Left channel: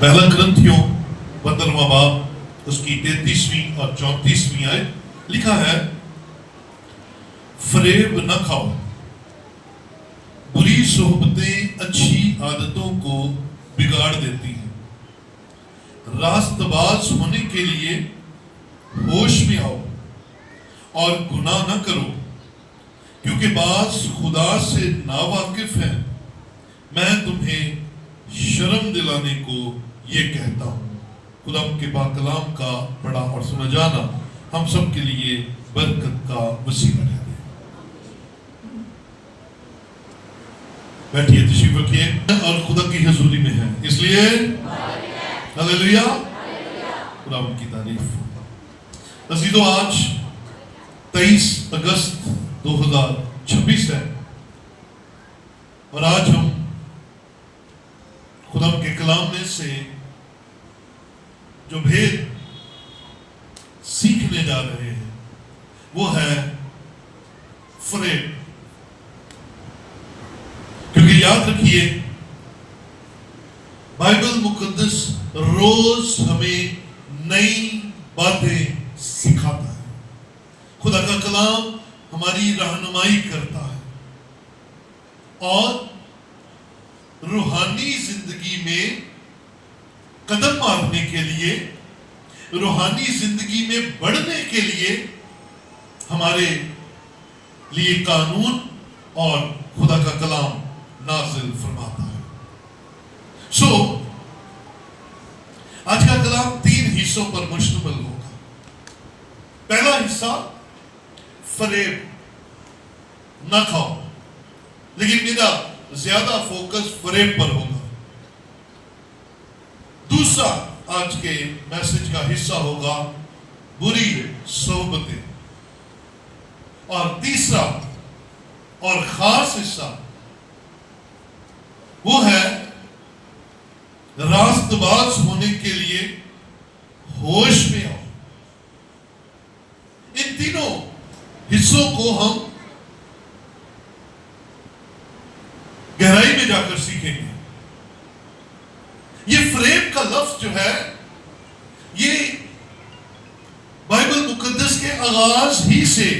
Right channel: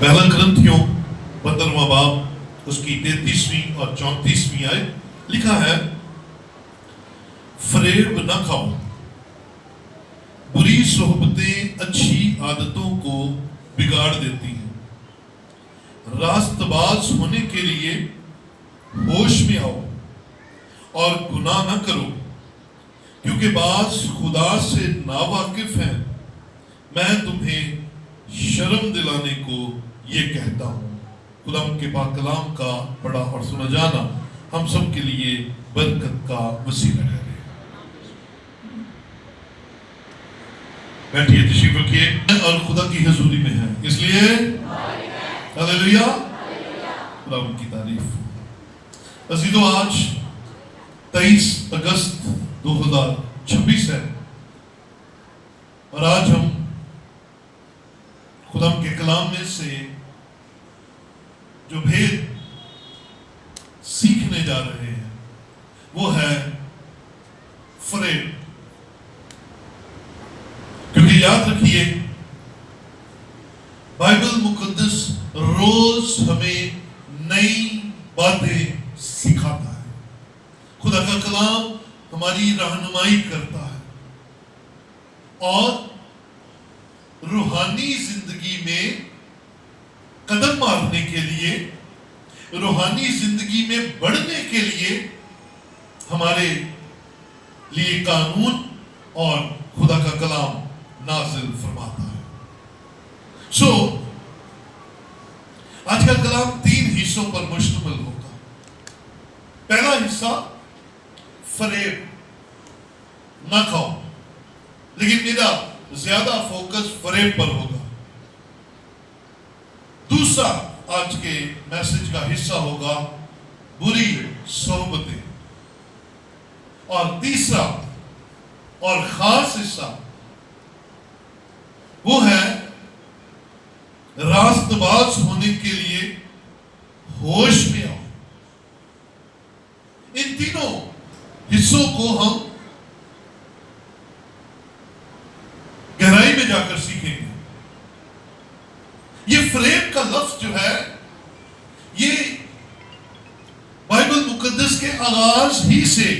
پہلا کرنتھیوں 15واں باب اس کی 33ویں اور 34ویں آیت لکھا ہے، فریب نہ کھاؤ، بری صحبتیں اچھی عادتوں کو بگاڑ دیتی ہیں۔ راست باز ہونے کے لیے ہوش میں آؤ اور گناہ نہ کرو، کیونکہ بعض خدا سے ناواقف ہیں۔ میں تمہیں شرم دلانے کو یہ کہتا ہوں۔ خدا ان کے پاک کلام کا پڑھا اور سنا جانا ہم سب کے لیے برکت کا وسیلہ ٹھہرے۔ بیٹھیے، تشریف رکھیے اور خدا کی حضوری میں ہیں، اس لیے ہلیلویا، خدا ان کی تعریف۔ عزیزو، آج 23 اگست 2026 ہے اور آج ہم خدا کے کلام میں سے جو بھید سیکھنے جا رہے ہیں وہ ہے فریب۔ کیونکہ یاد رکھیے، بائبل مقدس روز ہمیں نئی باتیں سکھاتا ہے۔ خدا کا کلام ہماری رہنمائی کرتا ہے اور روحانی زندگی میں قدم مارنے کے لیے، روحانی زندگی میں بڑھنے کے لیے ہمارے لیے قانون اور خدا کا کلام نازل فرماتا ہے۔ آج کا کلام 3 حصوں پر مشتمل ہوگا۔ پہلا حصہ فریب نہ کھاؤ، لیکن میرا زیادہ فوکس فریب پر ہوگا۔ دوسرا آج کے میسج کا حصہ ہوگا بری صحبتیں، اور تیسرا اور خاص حصہ وہ ہے راست باز ہونے کے لیے ہوش میں آؤ۔ ان تینوں حصوں کو ہم گہرائی میں جا کر سیکھیں گے۔ یہ فریب کا لفظ جو ہے، یہ بائبل مقدس کے آغاز ہی سے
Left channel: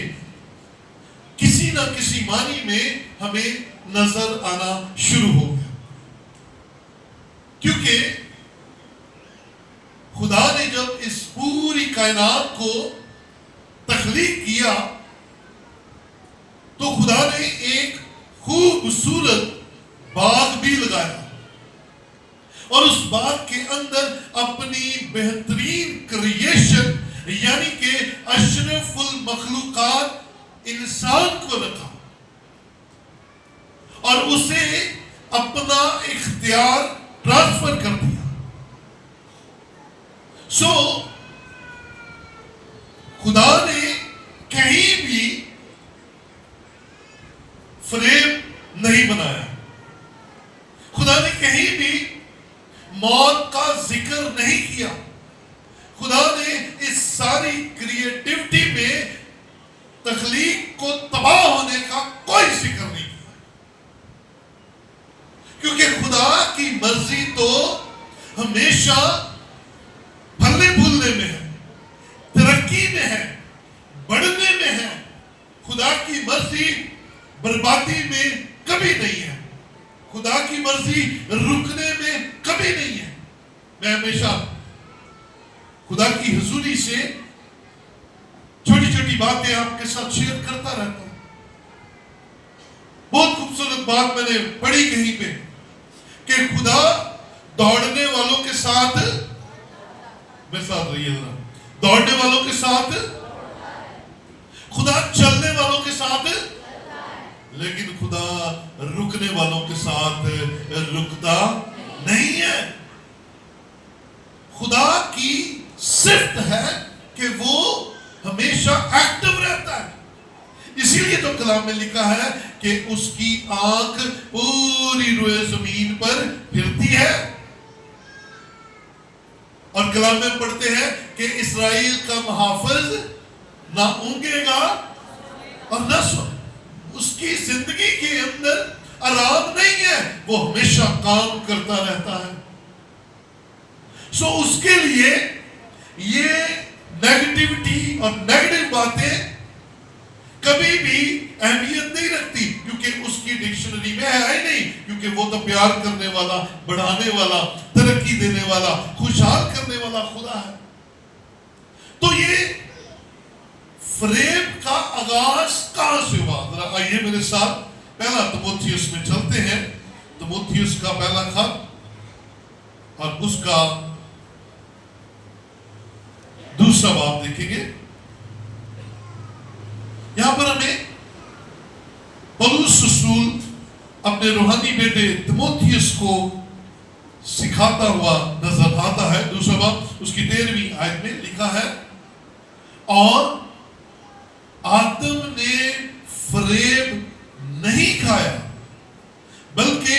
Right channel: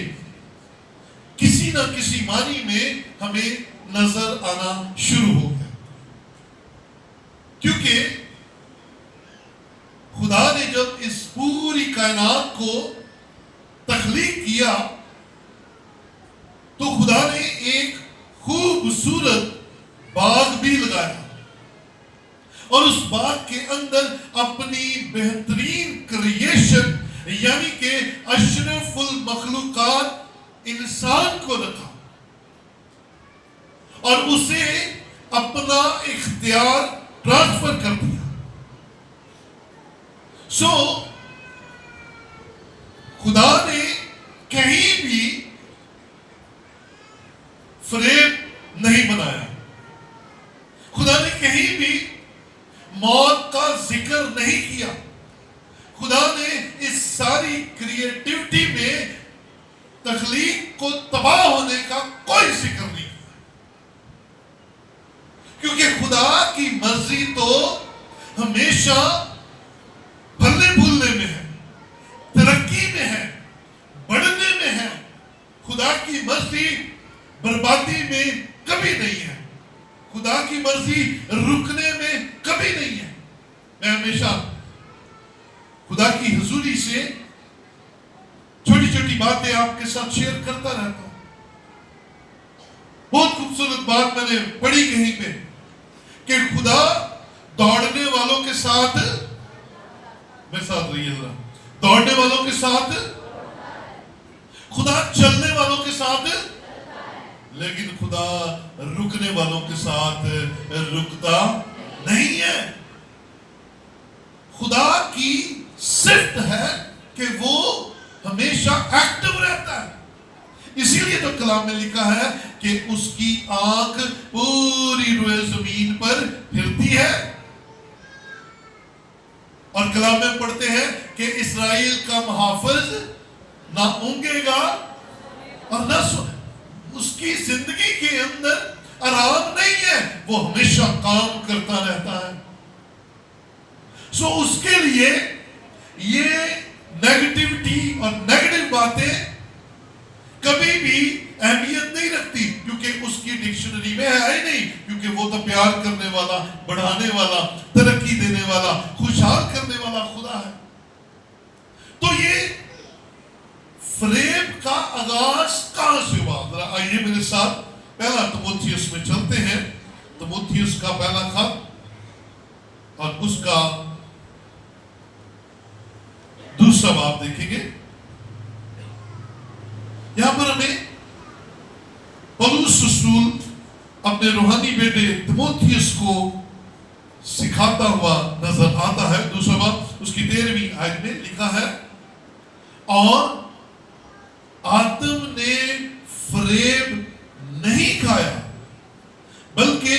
کسی نہ کسی معنی میں ہمیں نظر آنا شروع ہو گیا، کیونکہ خدا نے جب اس پوری کائنات کو تخلیق کیا تو خدا نے ایک خوبصورت باغ بھی لگایا اور اس باغ کے اندر اپنی بہترین کریشن یعنی کہ اشرف المخلوقات انسان کو رکھا اور اسے اپنا اختیار ٹرانسفر کر دیا۔ خدا نے کہیں بھی فریب نہیں بنایا، خدا نے کہیں بھی موت کا ذکر نہیں کیا، خدا نے اس ساری کریٹیوٹی میں تخلیق کو تباہ ہونے کا کوئی ذکر نہیں کیا، کیونکہ خدا کی مرضی تو ہمیشہ پھلنے پھولنے میں ہے، ترقی میں ہے، بڑھنے میں ہے۔ خدا کی مرضی بربادی میں کبھی نہیں ہے، خدا کی مرضی رکنے میں کبھی نہیں ہے۔ میں ہمیشہ خدا کی حضوری سے چھوٹی چھوٹی باتیں آپ کے ساتھ شیئر کرتا رہتا ہوں۔ بہت خوبصورت بات میں نے پڑھی کہیں پہ کہ خدا دوڑنے والوں کے ساتھ، میرے ساتھ رہیے ذرا، دوڑنے والوں کے ساتھ، خدا چلنے والوں کے ساتھ، لیکن خدا رکنے والوں کے ساتھ رکتا نہیں ہے۔ خدا کی صفت ہے کہ وہ ہمیشہ ایکٹیو رہتا ہے، اسی لیے تو کلام میں لکھا ہے کہ اس کی آنکھ پوری روئے زمین پر پھرتی ہے، اور کلام میں پڑھتے ہیں کہ اسرائیل کا محافظ نہ اونگے گا اور نہ سوئے۔ اس کی زندگی کے اندر آرام نہیں ہے، وہ ہمیشہ کام کرتا رہتا ہے۔ سو اس کے لیے یہ نیگیٹیوٹی اور نیگیٹو باتیں کبھی بھی اہمیت نہیں رکھتی، کیونکہ اس کی ڈکشنری میں ہے ہی نہیں، کیونکہ وہ تو پیار کرنے والا، بڑھانے والا، ترقی دینے والا، خوشحال کرنے والا خدا ہے۔ تو یہ فریب کا آغاز کہاں سے ہوا؟ ذرا آئیے میرے ساتھ پہلا تموتھیوس میں چلتے ہیں، تموتھیوس کا پہلا خط اور اس کا دوسرا باب دیکھیں گے۔ یہاں پر ہمیں پولس رسول اپنے روحانی بیٹے تموتھیوس کو سکھاتا ہوا نظر آتا ہے۔ دوسرا باب اس کی 13ویں آیت میں لکھا ہے، اور آدم نے فریب نہیں کھایا بلکہ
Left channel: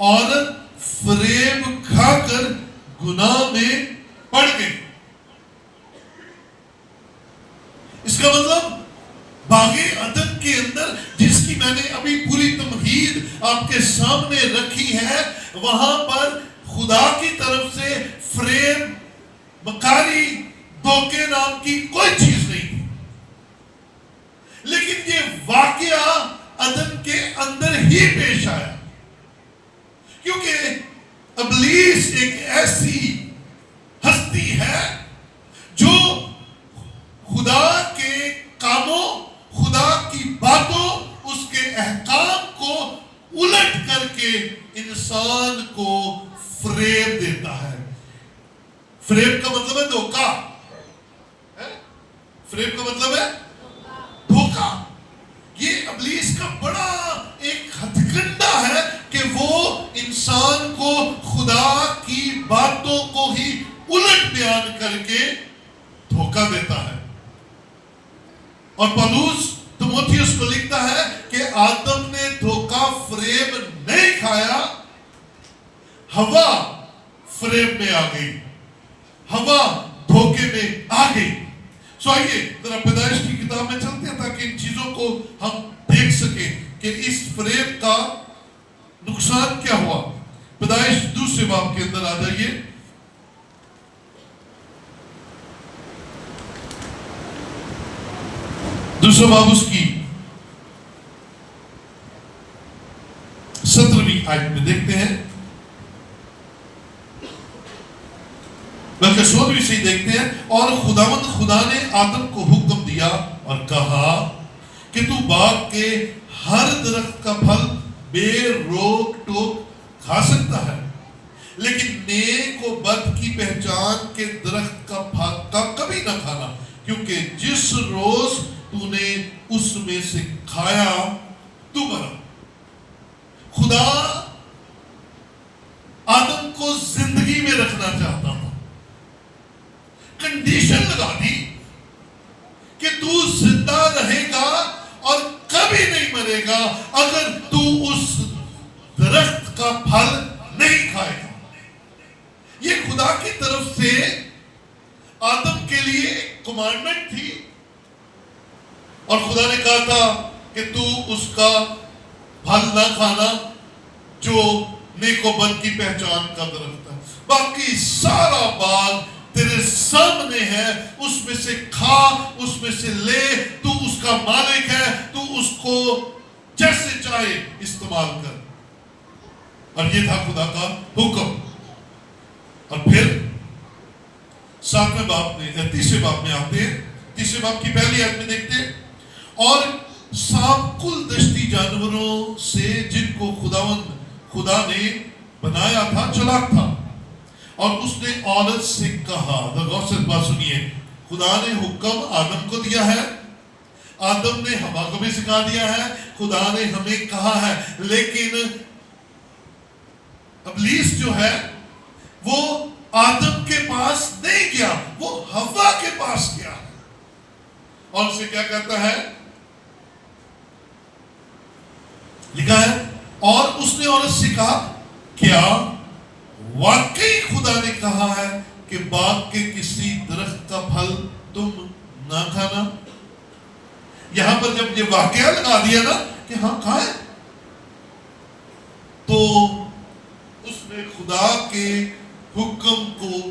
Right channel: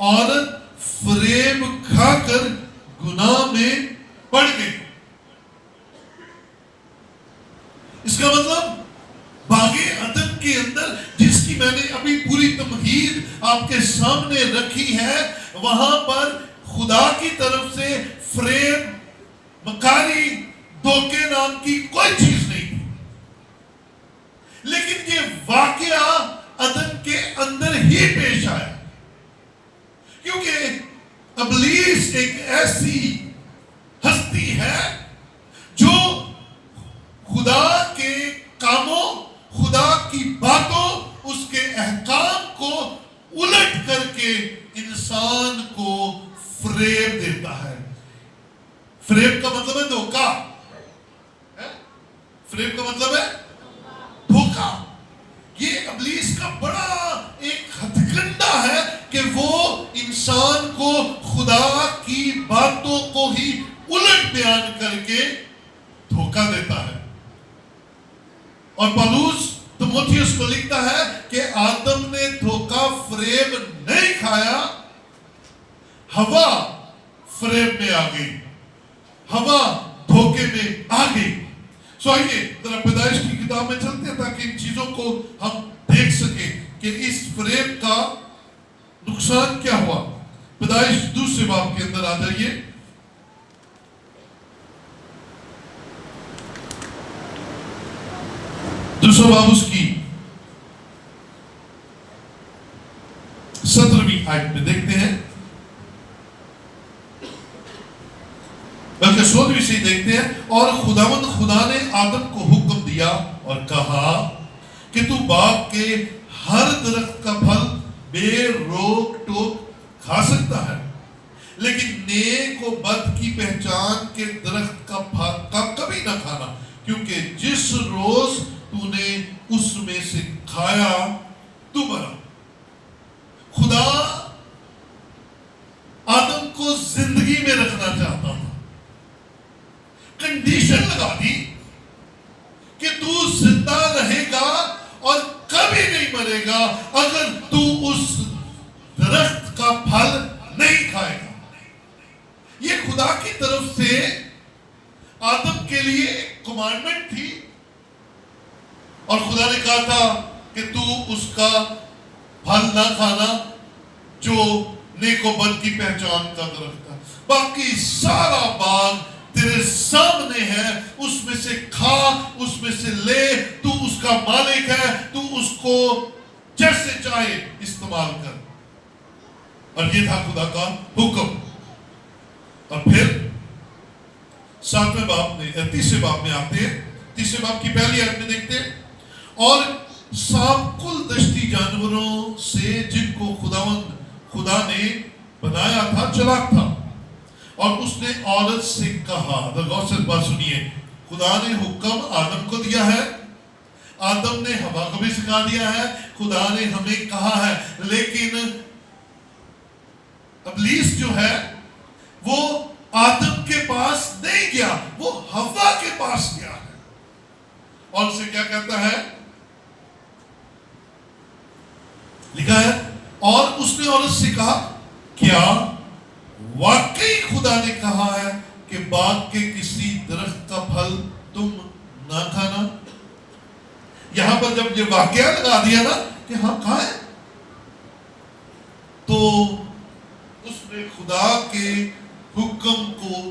عورت فریب کھا کر گناہ میں پڑ گئی۔ اس کا مطلب باغ عدن کے اندر جس کی میں نے ابھی پوری تمہید آپ کے سامنے رکھی ہے، وہاں پر خدا کی طرف سے فریب، مکاری، دھوکے نام کی کوئی چیز نہیں تھی، لیکن یہ واقعہ عدن کے اندر ہی پیش آیا، کیونکہ ابلیس ایک ایسی ہستی ہے جو خدا کے کاموں، خدا کی باتوں، اس کے احکام کو الٹ کر کے انسان کو فریب دیتا ہے۔ فریب کا مطلب ہے دھوکہ، فریب کا مطلب ہے دھوکہ۔ یہ ابلیس کا بڑا ایک ہتھ کنڈا ہے کہ وہ انسان کو خدا کی باتوں کو ہی الٹ بیان کر کے دھوکہ دیتا ہے۔ اور پولس تموتھیوس کو لکھتا ہے کہ آدم نے دھوکہ فریب نہیں کھایا، ہوا فریب میں آ گئی، ہوا دھوکے میں آ گئی۔ سو آئیے ذرا پیدائش کی کتاب میں چلتے ہیں تاکہ ان چیزوں کو ہم دیکھ سکیں کہ اس فریب کا نقصان کیا ہوا۔ پیدائش دوسرے باب کے اندر آ جائیے، دوسرا باب اس کی 17ویں آیت میں دیکھتے ہیں، بلکہ 16ویں سے ہی دیکھتے ہیں۔ اور خداوند خدا نے آدم کو حکم دیا اور کہا کہ تو باغ کے ہر درخت کا پھل بے روک ٹوک کھا سکتا ہے، لیکن نیک و بد کی پہچان کے درخت کا پھل کا کبھی نہ کھانا، کیونکہ جس روز تو نے اس میں سے کھایا تو مرا۔ خدا آدم کو زندگی میں رکھنا چاہتا تھا، کنڈیشن لگا دی کہ تو زندہ رہے گا اور کبھی نہیں مرے گا اگر تو اس درخت کا پھل نہیں کھائے گا۔ یہ خدا کی طرف سے آدم کے لیے ایک کمانڈمنٹ تھی، اور خدا نے کہا تھا کہ تو اس کا پھل نہ کھانا جو نیک و بد کی پہچان کا درخت ہے، باقی سارا باغ تیرے سامنے ہے، اس میں سے کھا، اس میں سے لے، تو اس کا مالک ہے، تو اس کو جیسے چاہے استعمال کر۔ اور یہ تھا خدا کا حکم۔ اور پھر 7ویں باب میں، تیسرے باب میں آتے ہیں، تیسرے باب کی پہلی آیت میں دیکھتے ہیں، اور سانپ کل دشتی جانوروں سے جن کو خدا نے بنایا تھا چلاک تھا، اور اس نے عورت سے کہا، غور سے بات سنیے، خدا نے حکم آدم کو دیا ہے، آدم نے ہوا کو بھی سکھا دیا ہے، خدا نے ہمیں کہا ہے، لیکن ابلیس جو ہے وہ آدم کے پاس نہیں گیا، وہ ہوا کے پاس گیا ہے، اور اسے کیا کہتا ہے؟ لکھا ہے، اور اس نے عورت سے کہا، کیا واقعی خدا نے کہا ہے کہ باغ کے کسی درخت کا پھل تم نہ کھانا؟ یہاں پر جب یہ واقعہ لگا دیا نا کہ ہاں کھائے، تو اس نے خدا کے حکم کو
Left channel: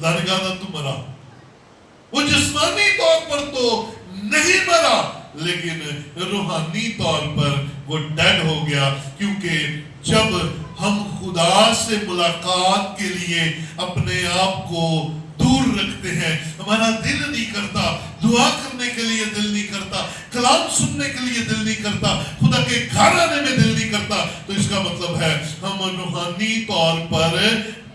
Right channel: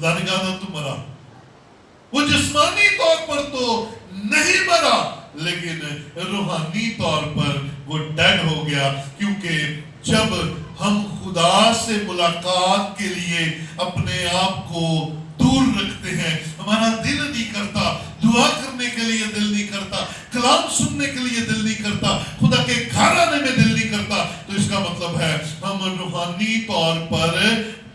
خدا نے کہا تھا تو مرا. وہ جسمانی طور پر تو نہیں مرا لیکن روحانی طور پر وہ ڈیڈ ہو گیا. کیونکہ جب ہم خدا سے ملاقات کے لیے اپنے آپ کو دور رکھتے ہیں, ہمارا دل نہیں کرتا, دعا کرنے کے لیے دل نہیں کرتا, کلام سننے کے لیے دل نہیں کرتا, خدا کے گھر آنے میں دل نہیں کرتا, تو اس کا مطلب ہے ہم روحانی طور پر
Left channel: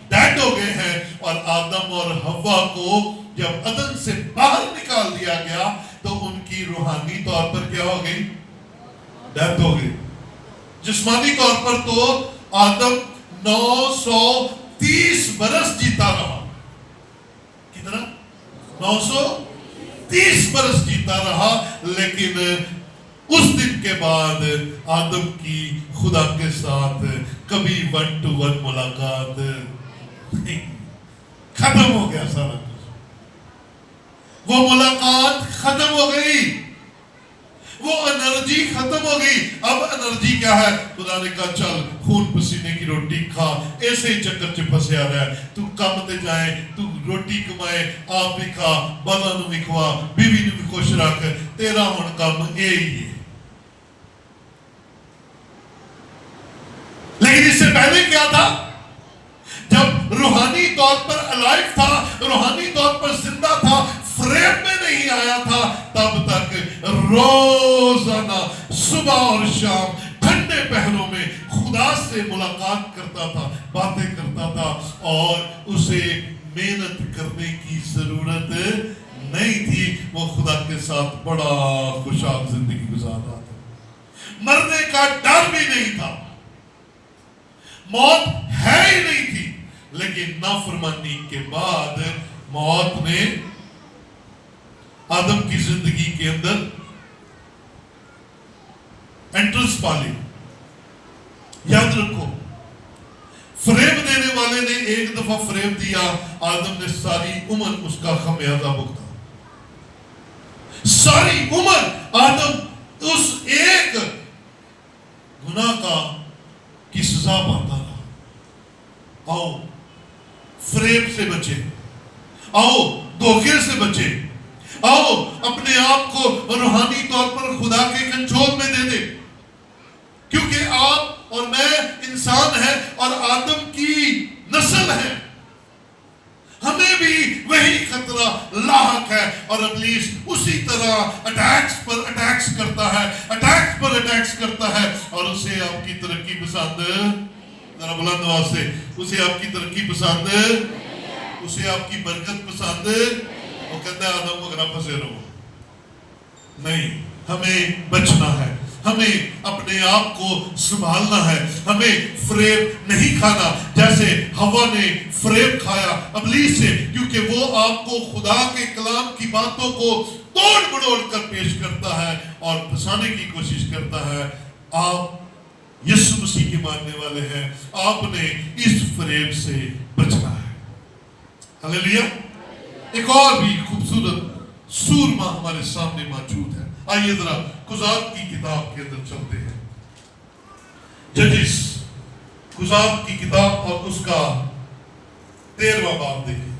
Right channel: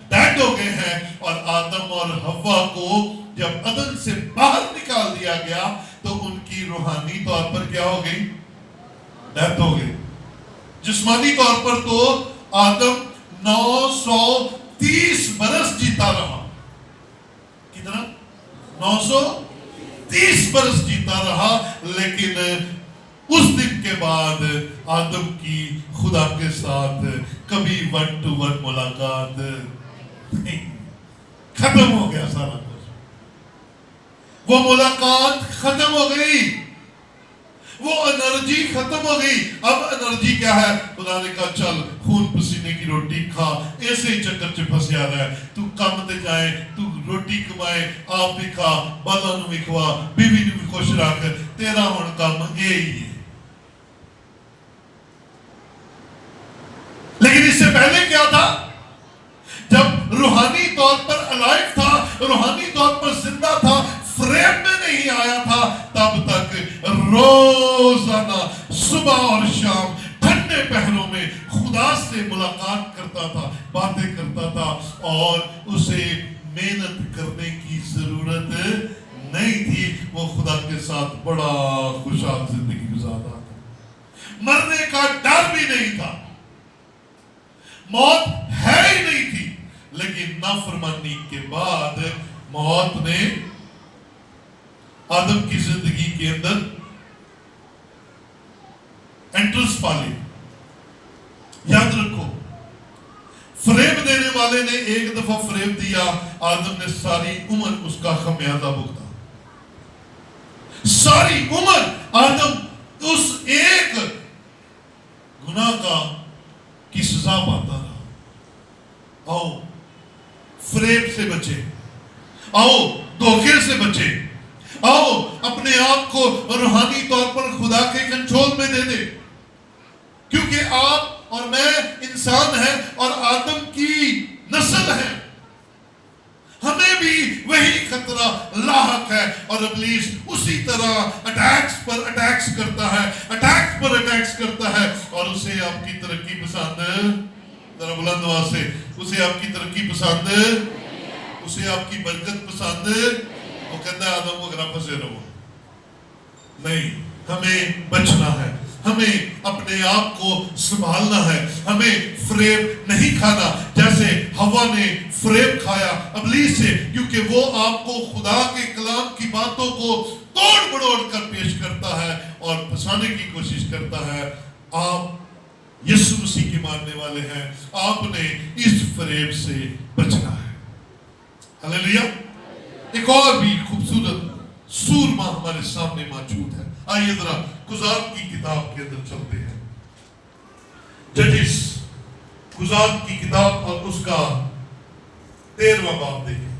ڈیڈ ہو گئے ہیں. اور آدم اور حوا کو جب عدن سے باہر نکال دیا گیا تو ان کی روحانی طور پر کیا ہو گئی؟ ڈیتھ ہو گئی. جسمانی طور پر تو آدم 930 برس جیتا رہا. کتنا؟ 930 برس جیتا رہا. لیکن اس دن کے بعد آدم کی خدا کے ساتھ کبھی 1 to 1 ملاقات نہیں. ختم ہو گیا سارا کچھ. وہ ملاقات ختم ہو گئی, وہ انرجی ختم ہو گئی. اب انرجی کیا ہے؟ خدا نے کہا چل خون پسینے کی روٹی کھا, ایسے ہی چکر چ پھسیا رہا, تو کام تے جائے, تو روٹی کمائے, آپ بھی کھا, بالا نو بھی کھوا, بیوی نو بھی خوش رکھ, تیرا ہن کام اے ہی ہے. لیکن اس سے پہلے کیا تھا؟ جب روحانی طور پر الائف تھا, روحانی طور پر زندہ تھا, فریب میں نہیں آیا تھا, تب تک روزانہ صبح اور شام ٹھنڈے پہروں میں خدا سے ملاقات کرتا تھا, باتیں کرتا تھا, اور اسے محنت کرنے کی ضرورت نہیں تھی. وہ خدا کے ساتھ بڑا خوشحال زندگی گزارتا تھا. مرنے کا ڈر بھی نہیں تھا, موت ہے ہی نہیں تھی. لیکن نافرمانی کے بعد موت نے آدم کی زندگی کے اندر انٹرنس پا لی. یاد رکھو, فریب دینے والے نے ایک دفعہ فریب دیا, آدم نے ساری عمر اس کا خمیازہ بھگتا. ساری عمر آدم اس ایک گناہ کی سزا پاتا رہا. آؤ فریب سے بچے, آؤ دھوکے سے بچے, آؤ اپنے آپ کو روحانی طور پر خدا کے کنٹرول میں دے دے. کیونکہ آپ اور میں انسان ہیں اور آدم کی نسل ہے, ہمیں بھی وہی خطرہ لاحق ہے. اور ابلیس اسی طرح اٹیکس پر اٹیکس کرتا ہے, اٹیکس پر اٹیکس کرتا ہے, اور اسے آپ کی ترقی پسند, ذرا بلند آواز سے, اسے آپ کی ترقی پسند, اسے آپ کی برکت پسند. وہ کہتا ہے آدم وغیرہ پھنسے رہو. نہیں, ہمیں بچنا ہے, ہمیں اپنے آپ کو سنبھالنا ہے, ہمیں فریب نہیں کھانا جیسے حوا نے فریب کھایا ابلیس سے. کیونکہ وہ آپ کو خدا کے کلام کی باتوں کو توڑ مڑوڑ کر پیش کرتا ہے اور پھنسانے کی کوشش کرتا ہے. آپ یسوع مسیح کے ماننے والے ہیں, آپ نے اس فریب سے بچنا ہے. ہلیلویا. ایک اور بھی خوبصورت سورما ہمارے سامنے موجود ہے. آئیے ذرا قضات کی کتاب کے اندر چلتے ہیں. ججز, قضات کی کتاب اور اس کا 13واں باب دیکھیں.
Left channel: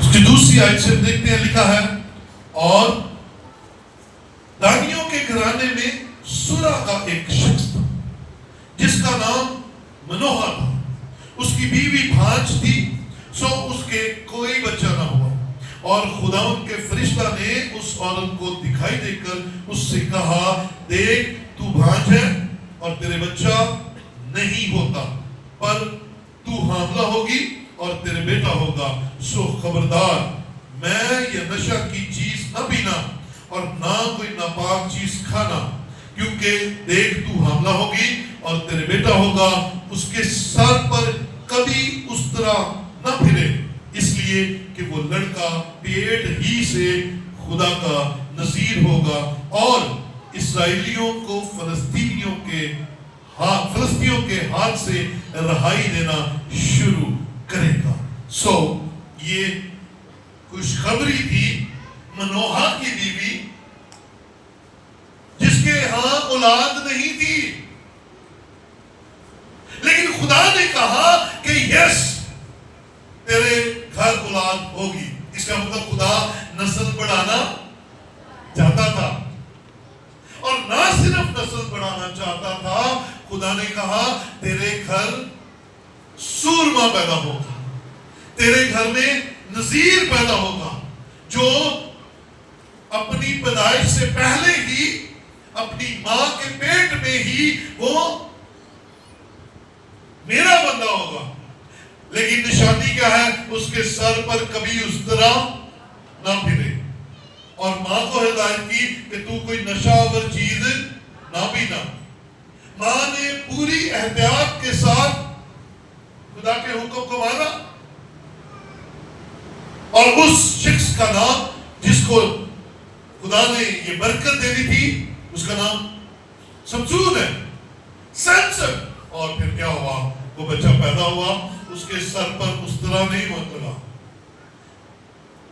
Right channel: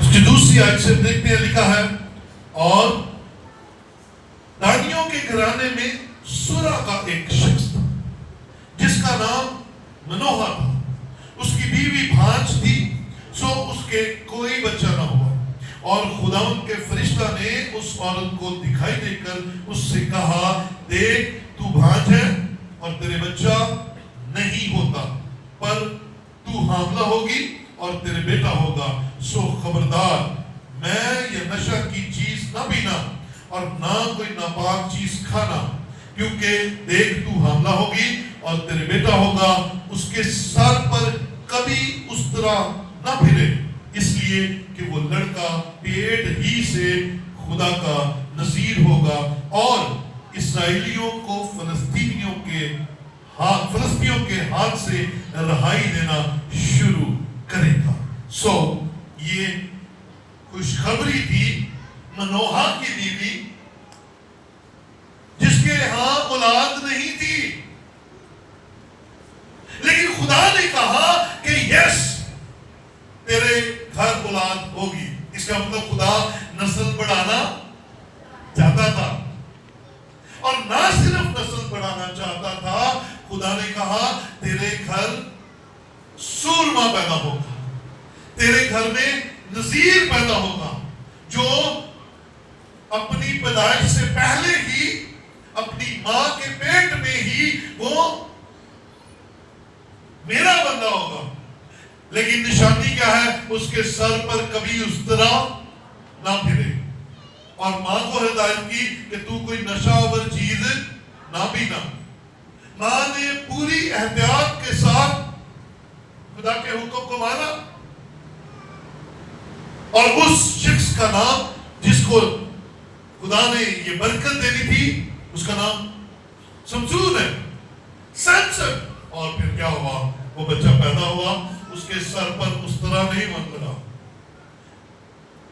اس کی دوسری آیت سے دیکھتے ہیں, لکھا ہے, اور دانیوں کے گھرانے میں سورا کا ایک شخص تھا جس کا نام منوہا تھا. اس کی بیوی بھانج تھی, سو اس کے کوئی بچہ نہ ہوا. اور خداوند کے فرشتہ نے اس عورت کو دکھائی دے کر اس سے کہا, دیکھ تو بھانج ہے اور تیرے بچہ نہیں ہوتا, پر تو حاملہ ہوگی اور تیرے بیٹا ہوگا. سو خبردار, میں یہ نشہ کی چیز نہ پینا اور نہ کوئی ناپاک چیز کھانا, کیونکہ دیکھ تو حاملہ ہوگی اور تیرے بیٹا ہوگا. اس کے سر پر کبھی اس طرح نہ پھرے, اس لیے کہ وہ لڑکا پیٹ ہی سے خدا کا نذیر ہوگا اور اسرائیلیوں کو فلسطینیوں کے ہاتھ سے رہائی دینا شروع کرے گا. سو یہ خوشخبری تھی منوہا کی بیوی جس کے ہاں اولاد نہیں تھی. تیرے گھر اولاد ہوگی. اس کا مطلب خدا نسل بڑھانا چاہتا تھا. اور نہ صرف نسل بڑھانا چاہتا تھا, خدا نے کہا تیرے گھر سورما پیدا ہوگا, تیرے گھر میں نذیر پیدا ہوگا جو اپنی پیدائش سے پہلے ہی اپنی ماں کے پیٹ میں ہی وہ میرا بندہ ہوگا. لیکن نشانی کیا ہے؟ اس کے سر پر کبھی اس طرح نہ پھرے. اور ماں کو ہدایت کی کہ تو کوئی نشہ آور چیز نہ پینا. ماں نے پوری احتیاط کے ساتھ خدا کے حکم کو مانا, اور اس شخص کا نام جس کو خدا نے یہ برکت دینی تھی اس کا نام سمسون ہے, سیمسن. اور پھر کیا ہوا؟ وہ بچہ پیدا ہوا, اس کے سر پر اس طرح نہیں اترا,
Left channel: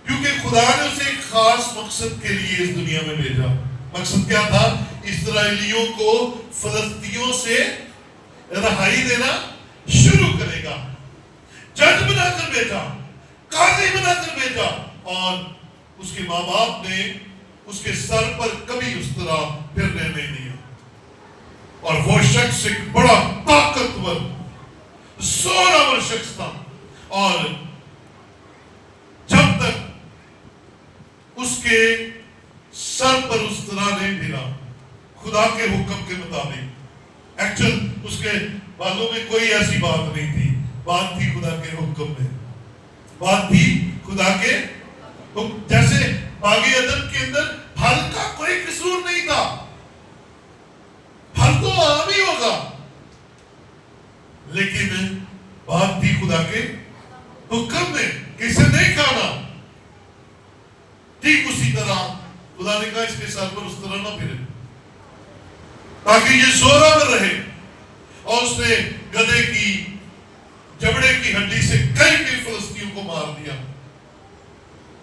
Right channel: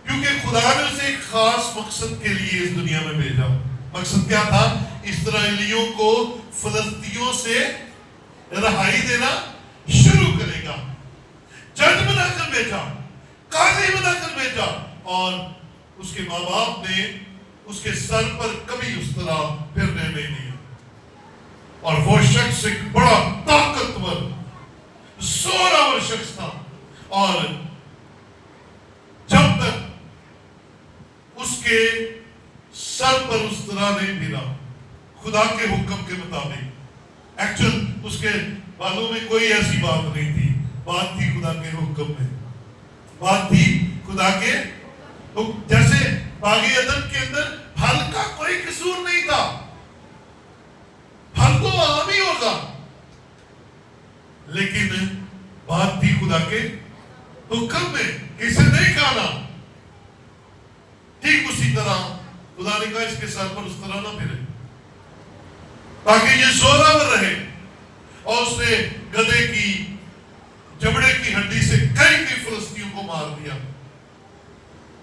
کیونکہ خدا نے اسے ایک خاص مقصد کے لیے اس دنیا میں بھیجا. مقصد کیا تھا؟ اسرائیلیوں کو فلسطینیوں سے رہائی دینا شروع کرے گا. جج بنا کر بھیجا, قاضی بنا کر بھیجا, اور اس کے ماں باپ نے اس کے سر پر کبھی اس طرح پھرنے نہیں دیا. اور وہ شخص ایک بڑا طاقتور زوراور شخص تھا, اور جب تک اس کے سر پر اس طرح نہیں پھرا خدا کے حکم کے مطابق. ایکچوئل اس کے بالوں میں کوئی ایسی بات نہیں تھی, بات تھی خدا کے حکم میں, بات تھی خدا کے حکم. جیسے باغ عدن کے اندر پھل کا کوئی قصور نہیں تھا, پھل تو عام ہی ہوگا, لیکن بات تھی خدا کے حکم میں کہ اسے نہیں کھانا. ٹھیک اسی طرح خدا نے کہا اس کے سر پر اس طرح نہ پھرے تاکہ یہ زوراور رہے. اور اس نے گدھے کی جبڑے کی ہڈی سے کئی فلسطینیوں کو مار دیا.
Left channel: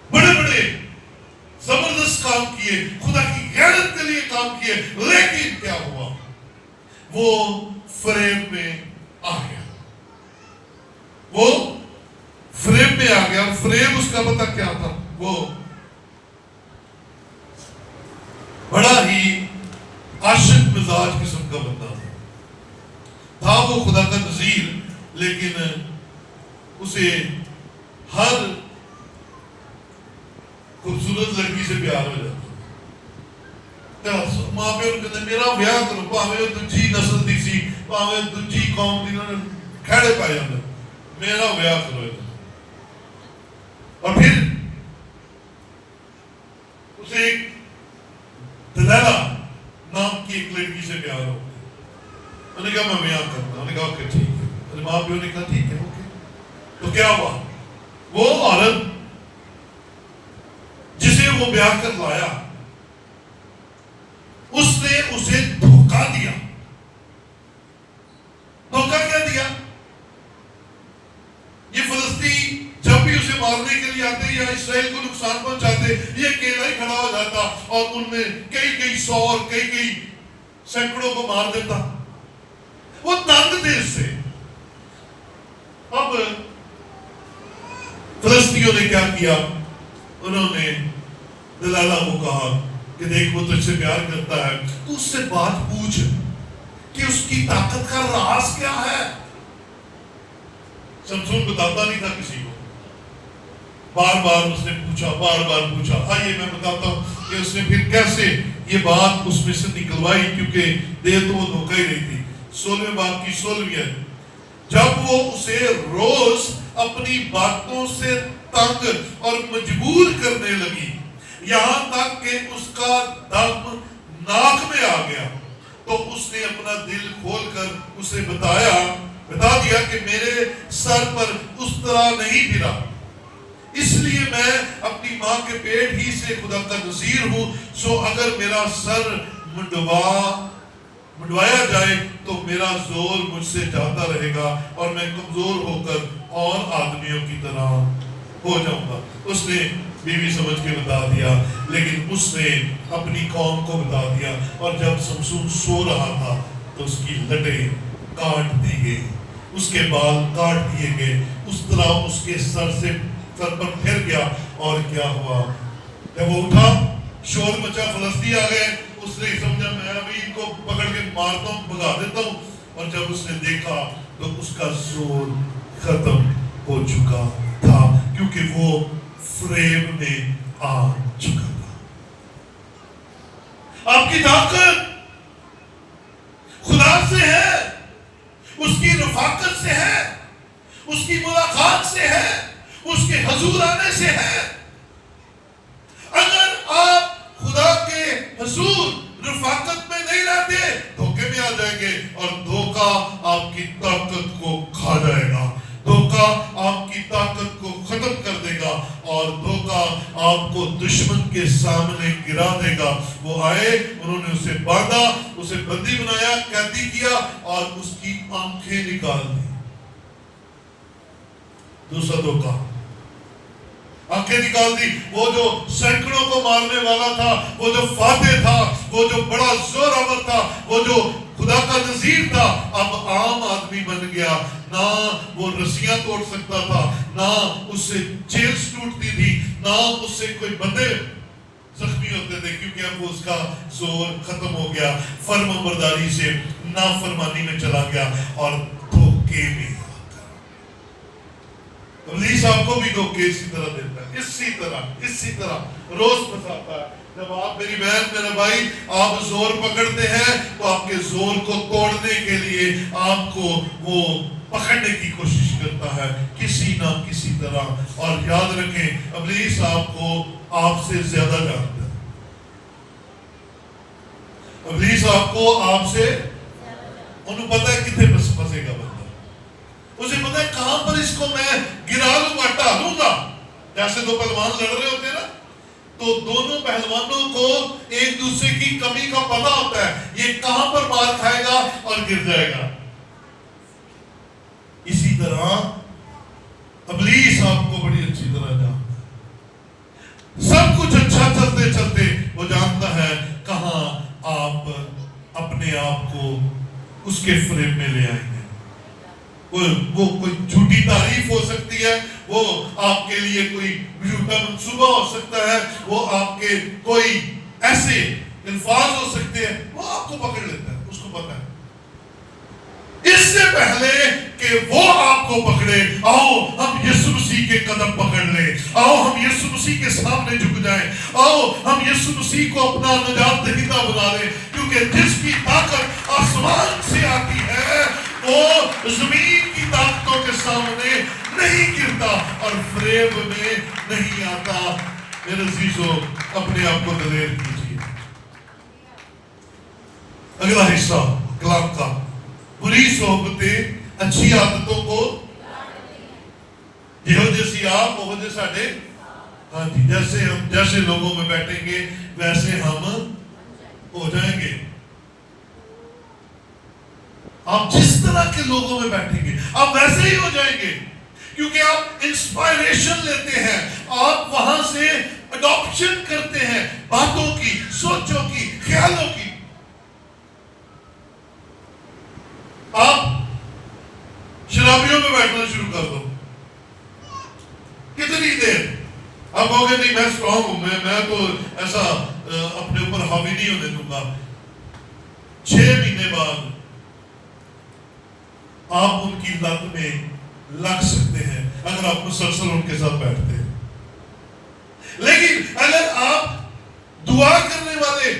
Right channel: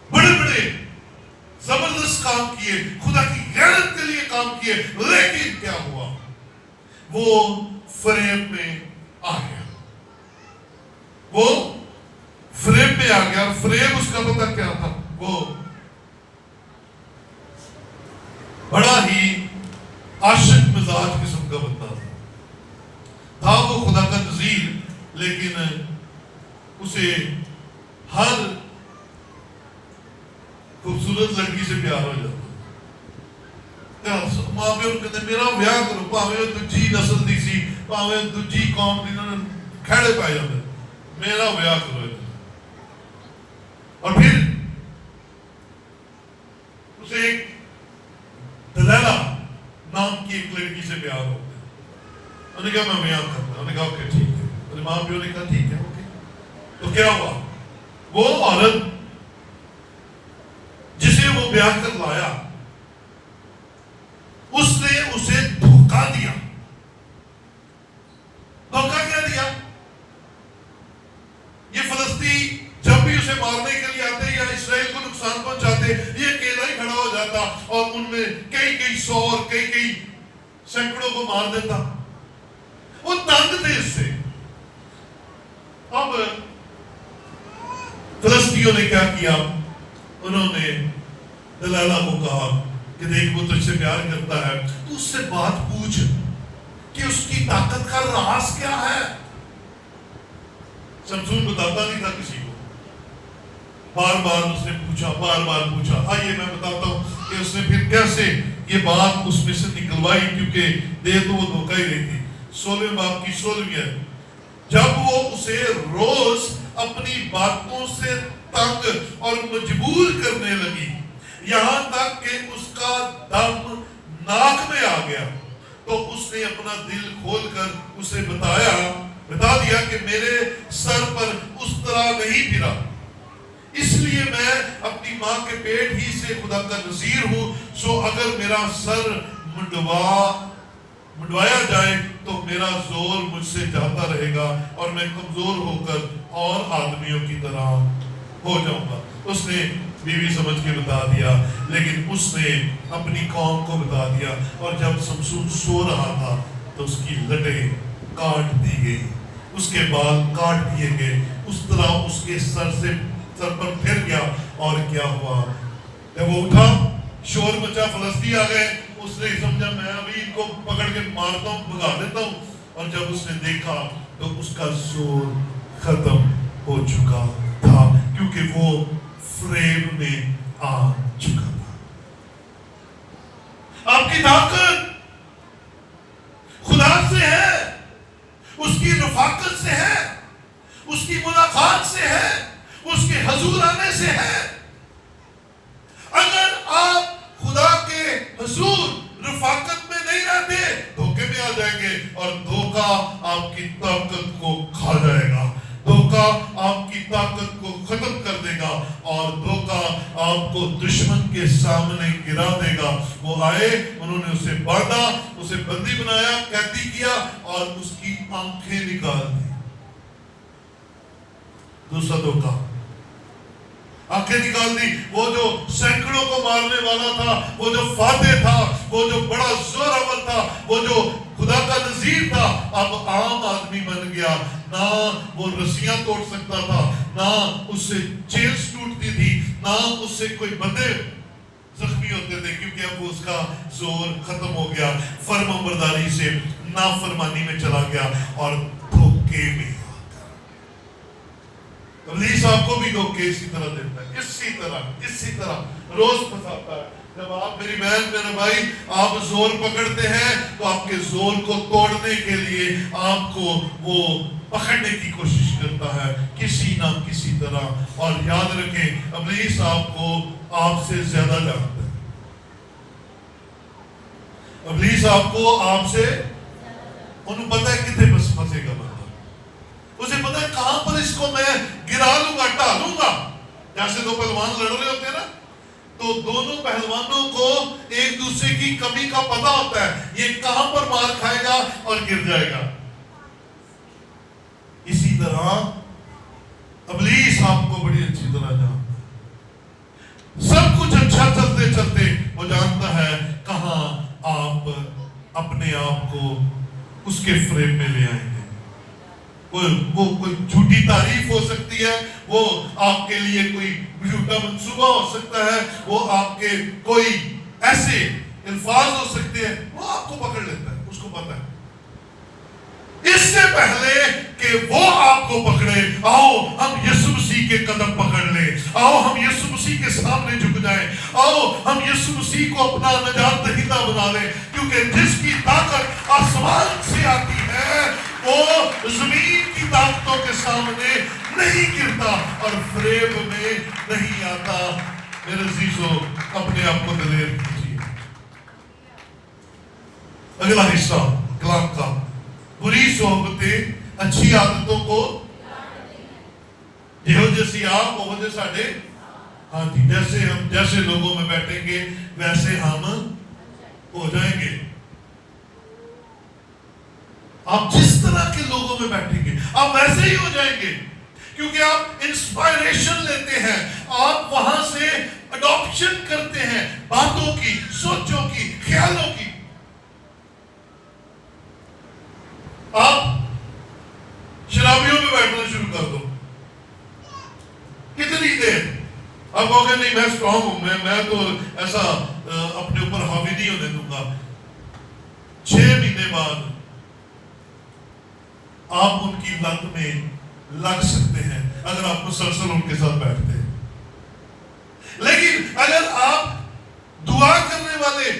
بڑے بڑے زبردست کام کیے, خدا کی غیرت کے لیے کام کیے, لیکن کیا ہوا؟ وہ فریم میں آ گیا, وہ فریم میں آ گیا. فریم اس کا پتہ کیا تھا؟ وہ بڑا ہی عاشق مزاج قسم کا بندہ تھا. وہ خدا کا نذیر, لیکن اسے ہر خوبصورت لڑکی سے پیار ہو جاتا. ماں پیو کہتے میرا ویاہ کرو, پاوے دوجی نسل دی سی, پاوے دوجی قوم دی کھڑے پائے جاتے, میرا ویاہ کرو. اور پھر اسے ایک دلیلہ نام کی ایک لڑکی سے پیار ہو گیا. انہوں نے کہا میں بیان کرتا ہوں. انہوں نے کہا اوکے ٹھیک ہے. انہوں نے ماں پیو نے کہا ٹھیک ہے اوکے. تو کیا ہوا؟ وہ عورت جسے وہ بیاہ کر لایا, اس نے اسے دھوکہ دیا. دھوکہ کیا دیا؟ یہ فلسطین جب بھی اسے مارنے کے لیے آتے یا اسرائیل کو نقصان پہنچاتے, یہ اکیلا ہی کھڑا ہو جاتا اور ان میں کئی سو اور کئی سینکڑوں کو مار دیتا. وہ تنگ تھے اس سے. اب فلسطینیوں نے کیا کیا؟ انہوں نے دلالہ کو کہا کہ دیکھ وہ تجھ سے پیار کرتا ہے, تو اس سے بات پوچھ کہ اس کی طاقت کا راز کیا ہے. سمسون بتاتا نہیں تھا کسی کو. بار بار اس نے پوچھا, بار بار پوچھا. آئیے میں بتاتا ہوں کہ اس نے پھر کیسے یہ بات اس میں سے نکلوائی, کیونکہ دیر تو وہ دھوکہ ہی نہیں تھی. 16 باب کی 16 جب وہ اسے روز اپنی باتوں سے تنگ اور مجبور کرنے لگی, یہاں تک کہ اس کا دم ناک میں آ گیا, تو اس نے اپنا دل کھول کر اسے بتا دیا کہ میرے سر پر اس طرح نہیں پھرا, اس لیے میں اپنی ماں کے پیٹ ہی سے خدا کا نذیر ہوں. سو اگر میرا سر منڈوایا جائے تو میرا زور مجھ سے جاتا رہے گا اور میں کمزور ہو کر اور آدمیوں کی طرح ہو جاؤں گا. اس نے بیوی سمجھ کے بتا دیا, لیکن اس نے اپنی قوم کو بتا دیا. اور جب سمسون سو رہا تھا تو اس کی لٹیں کاٹ دی گئی. اس کے بال کاٹ دیے گئے، اس طرح اس کے سر پر پھر گیا، اور کیا ہوا؟ جب وہ اٹھا شور مچا، فلسطینی آ گئے، اس نے سمجھا میں ابھی ان کو پکڑ کے مارتا ہوں، بھگا دیتا ہوں، اور جب اس نے دیکھا تو اس کا زور ختم ہو چکا تھا، کیونکہ وہ فریب میں آ چکا تھا۔ آپ کی طاقت خدا سے ہے، اس کی رفاقت سے ہے، اس کی ملاقات سے ہے، اس کے حضور آنے سے ہے۔ اگر آپ خدا کے حضور رفاقت میں نہیں رہتے، دھوکے میں آ جائیں گے، اور دھوکہ آپ کی طاقت کو کھا جائے گا، دھوکہ آپ کی طاقت کو ختم کر دے گا، اور دھوکہ آپ کو دشمن کے سامنے گرا دے گا۔ وہ آئے، انہوں نے اسے باندھا، اسے بندی بنایا، قیدی کیا، اور اس کی آنکھیں نکال دی۔ دوسرا دھوکہ، آنکھیں نکال دی۔ وہ جو سینکڑوں کو مارنے والا تھا، وہ جو فاتح تھا، وہ جو بڑا زورآور تھا، وہ جو خدا کا نذیر تھا، اب عام آدمی بن گیا۔ نہ وہ رسیاں توڑ سکتا تھا، نہ اس سے چیلز ٹوٹتی تھی، نہ اس سے کوئی بندے زخمی ہوتے تھے، کیونکہ اب اس کا زور ختم ہو گیا۔ فرمان برداری سے نافرمانی میں چلا گیا، اور دھوکے میں۔ ابلیس آپ کو بھی دھوکے اسی طرح دیتا ہے، اسی طرح روز پھنساتا ہے۔ جب آپ، میری بہن میرے بھائی، آپ زور پکڑتے ہیں تو آپ کے زور کو توڑنے کے لیے آپ کو وہ پکڑنے کی کوشش کرتا ہے کسی نہ کسی طرح۔ اور یاد رکھیں، ابلیس آپ کو آپ سے زیادہ جانتا ہے۔ ابلیس آپ کو آپ سے، انہوں پتہ ہے کتنے پھنسے گا بندہ، اسے پتہ ہے کہاں پر اس کو میں گرا لوں گا، ٹالوں گا۔ جیسے دو پہلوان لڑ رہے ہوتے ہیں نا، تو دونوں پہلوانوں کو ایک دوسرے کی کمی کا پتہ ہوتا ہے، یہ کہاں پر مار کھائے گا اور گر جائے گا۔ اسی طرح ابلیس آپ کو بڑی اچھی طرح جانتا ہے۔ سب کچھ اچھا چلتے چلتے وہ جانتا ہے کہاں آپ اپنے آپ کو اس کے فریب میں لے آئیں گے۔ وہ کوئی جھوٹی تعریف ہو سکتی ہے، وہ آپ کے لیے کوئی جھوٹا منصوبہ ہو سکتا ہے، وہ آپ کے کوئی ایسے الفاظ ہو سکتے ہیں، وہ آپ کو پکڑ لیتا ہے، اس کو پتہ ہے۔ اس سے پہلے کہ وہ آپ کو پکڑے، آؤ ہم یسوع مسیح کے قدم پکڑ لیں، آؤ ہم یسوع مسیح کے سامنے جھک جائیں، آؤ ہم یسوع مسیح کو اپنا نجات دہندہ بنا لیں، کیونکہ جس کی طاقت آسمان سے آتی ہے وہ زمین کی طاقتوں کے سامنے نہیں گرتا اور فریب میں نہیں آتا۔ میرے عزیزو، اپنے آپ کو دلیر کیجیے۔ اگلا حصہ کلام کا، بری صحبتیں اچھی عادتوں کو، یہو جیسی آپ وہ جیسے ساڈے، ہاں جی، جیسے لوگوں میں بیٹھیں گے ویسے ہم ہو جائیں گے۔ آپ جس طرح کے لوگوں میں بیٹھیں گے آپ ویسے ہی ہو جائیں گے، کیونکہ آپ انسپائریشن لیتے ہیں، آپ وہاں سے اڈاپشن کرتے ہیں باتوں کی، سوچوں کی، خیالوں کی۔ آپ شرابیوں میں بیٹھنا شروع کر دو، کتنی دیر آپ کہو گے نہیں میں اسٹرانگ ہوں، میں تو ایسا اپنے اوپر حاوی نہیں ہونے دوں گا۔ 6 مہینے بعد آپ ان کی لت میں لگ سکتے ہیں اگر آپ مسلسل ان کے ساتھ بیٹھتے ہیں۔ لیکن اگر آپ دعا کرنے والے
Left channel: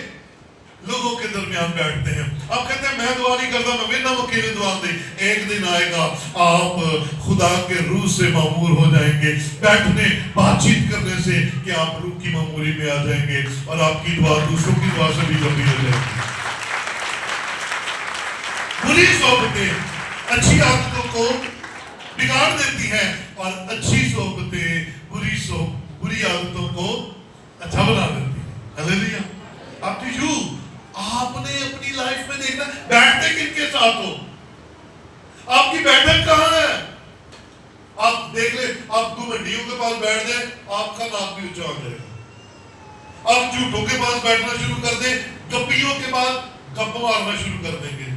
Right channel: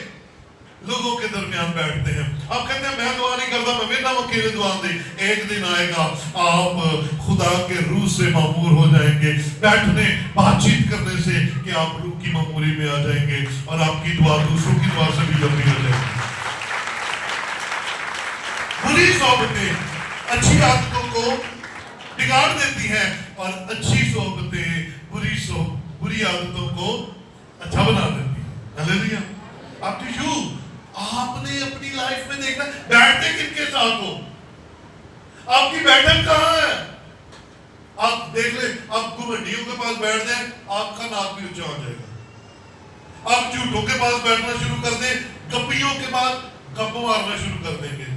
لوگوں کے درمیان بیٹھتے ہیں، آپ کہتے ہیں میں دعا نہیں کرتا، میں بنا وکیل دعا دے، ایک دن آئے گا آپ خدا کے روح سے معمور ہو جائیں گے، بیٹھنے بات چیت کرنے سے کہ آپ روح کی معموری میں آ جائیں گے، اور آپ کی دعا دوسروں کی دعا سے بھی جمع ہو جائے گی۔ بری صحبتیں اچھی عادتوں کو بگاڑ دیتی ہیں، اور اچھی صحبتیں بری عادتوں کو اچھا بنا دیتی ہیں۔ ہلیلویا۔ آپ نے اپنی لائف میں دیکھنا بیٹھتے کن کے ساتھ ہو، آپ کی بیٹھک کہاں ہے۔ آپ دیکھ لیں، آپ دو ہڈیوں کے پاس بیٹھ جائیں آپ کا ناک بھی اونچا ہو جائے گا۔ آپ جھوٹوں کے پاس بیٹھنا شروع کر دیں، گپیوں کے بعد گپ مارنا شروع کر دیں گے۔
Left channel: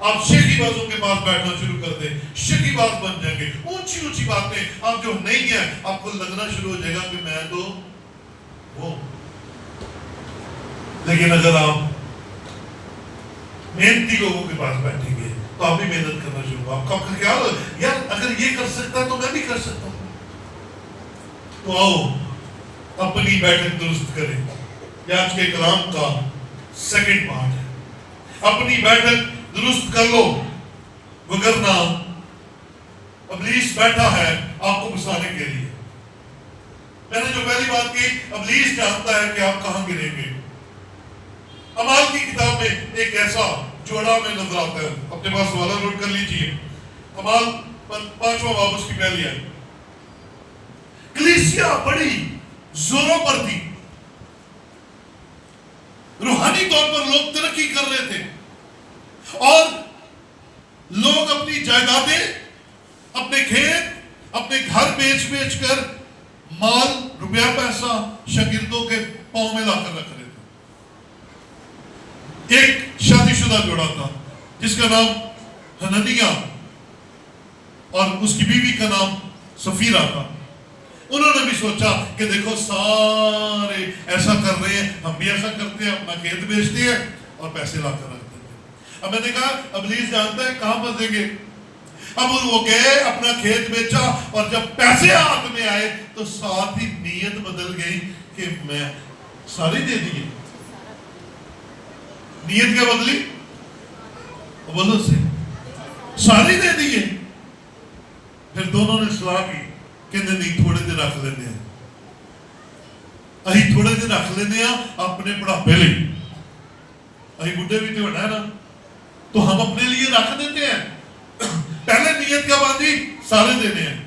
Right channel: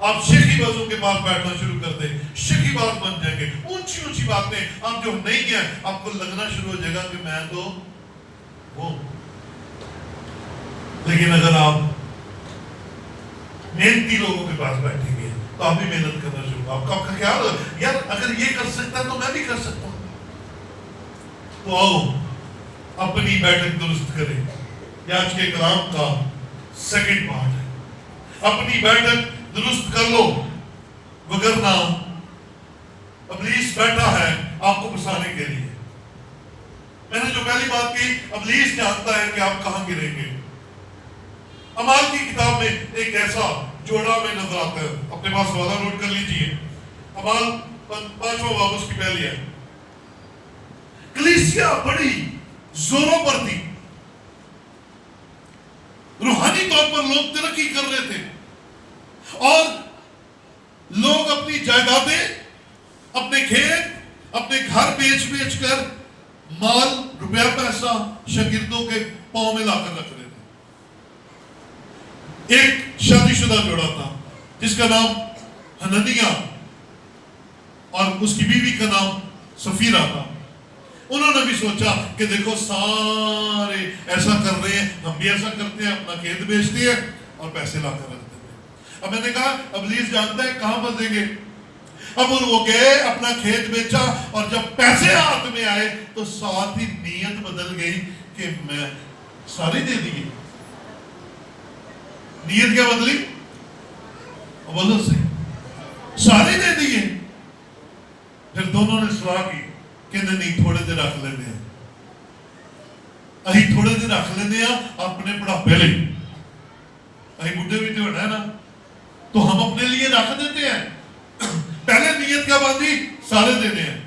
آپ شیخی بازوں کے پاس بیٹھنا شروع کر دیں، شیخی باز بن جائیں گے، اونچی اونچی باتیں آپ جو نہیں ہیں آپ کو لگنا شروع ہو جائے گا کہ میں تو وہ. لیکن اگر آپ محنتی لوگوں کے پاس بیٹھیں گے تو آپ بھی محنت کرنا شروع ہو. آپ کا خیال ہے یار اگر یہ کر سکتا ہے تو میں بھی کر سکتا ہوں. تو آؤ اپنی بیٹھک درست کریں. یہ آج کے کلام کا سیکنڈ پارٹ ہے. اپنی بیٹھک درست کر لو، وگرنہ ابلیس بیٹھا ہے آپ کو بسانے کے لیے. میں نے جو پہلی بات کی، ابلیس جانتا ہے کہ آپ کہاں گریں گے. اعمال کی کتاب میں ایک ایسا جوڑا میں نظر آتا ہے، اپنے پاس حوالہ نوٹ کر لیجئے. اعمال 5واں باب اس کی پہلی ہے. کلیسیا بڑی زوروں پر تھی، روحانی طور پر لوگ ترقی کر رہے تھے اور لوگ اپنی جائیدادیں، اپنے کھیت، اپنے گھر بیچ کر مال، روپیہ پیسہ شاگردوں کے پاؤں میں لا کر رکھ رہے تھے. ایک شادی شدہ جوڑا تھا جس کا نام حنانیہ اور اس کی بیوی کا نام سفیرہ تھا. انہوں نے بھی سوچا کہ دیکھو سارے ایسا کر رہے ہیں، ہم بھی ایسا کرتے ہیں، اپنا کھیت بیچتے ہیں اور پیسے لا کر رکھتے ہیں. اب میں نے کہا ابلیس جانتا ہے کہاں پھنسیں گے. اب وہ گئے، اپنا کھیت بیچا اور جب پیسے ہاتھ میں آئے تو ساتھ ہی نیت بدل گئی کہ میں سارے دے دیے. نیت کیا بدلی؟ بولو سے سارے دے دیے. پھر دونوں نے صلاح کی کہ نہیں تھوڑے دیر رکھ لینے ہیں، اہی تھوڑے دیر رکھ لینے ہیں اپنے بڑھاپے لئے. اہی بڈھے بھی تو ہونا ہے نا، تو ہم اپنے لیے رکھ دیتے ہیں. پہلے نیت کیا باندھی؟ سارے دینے ہیں.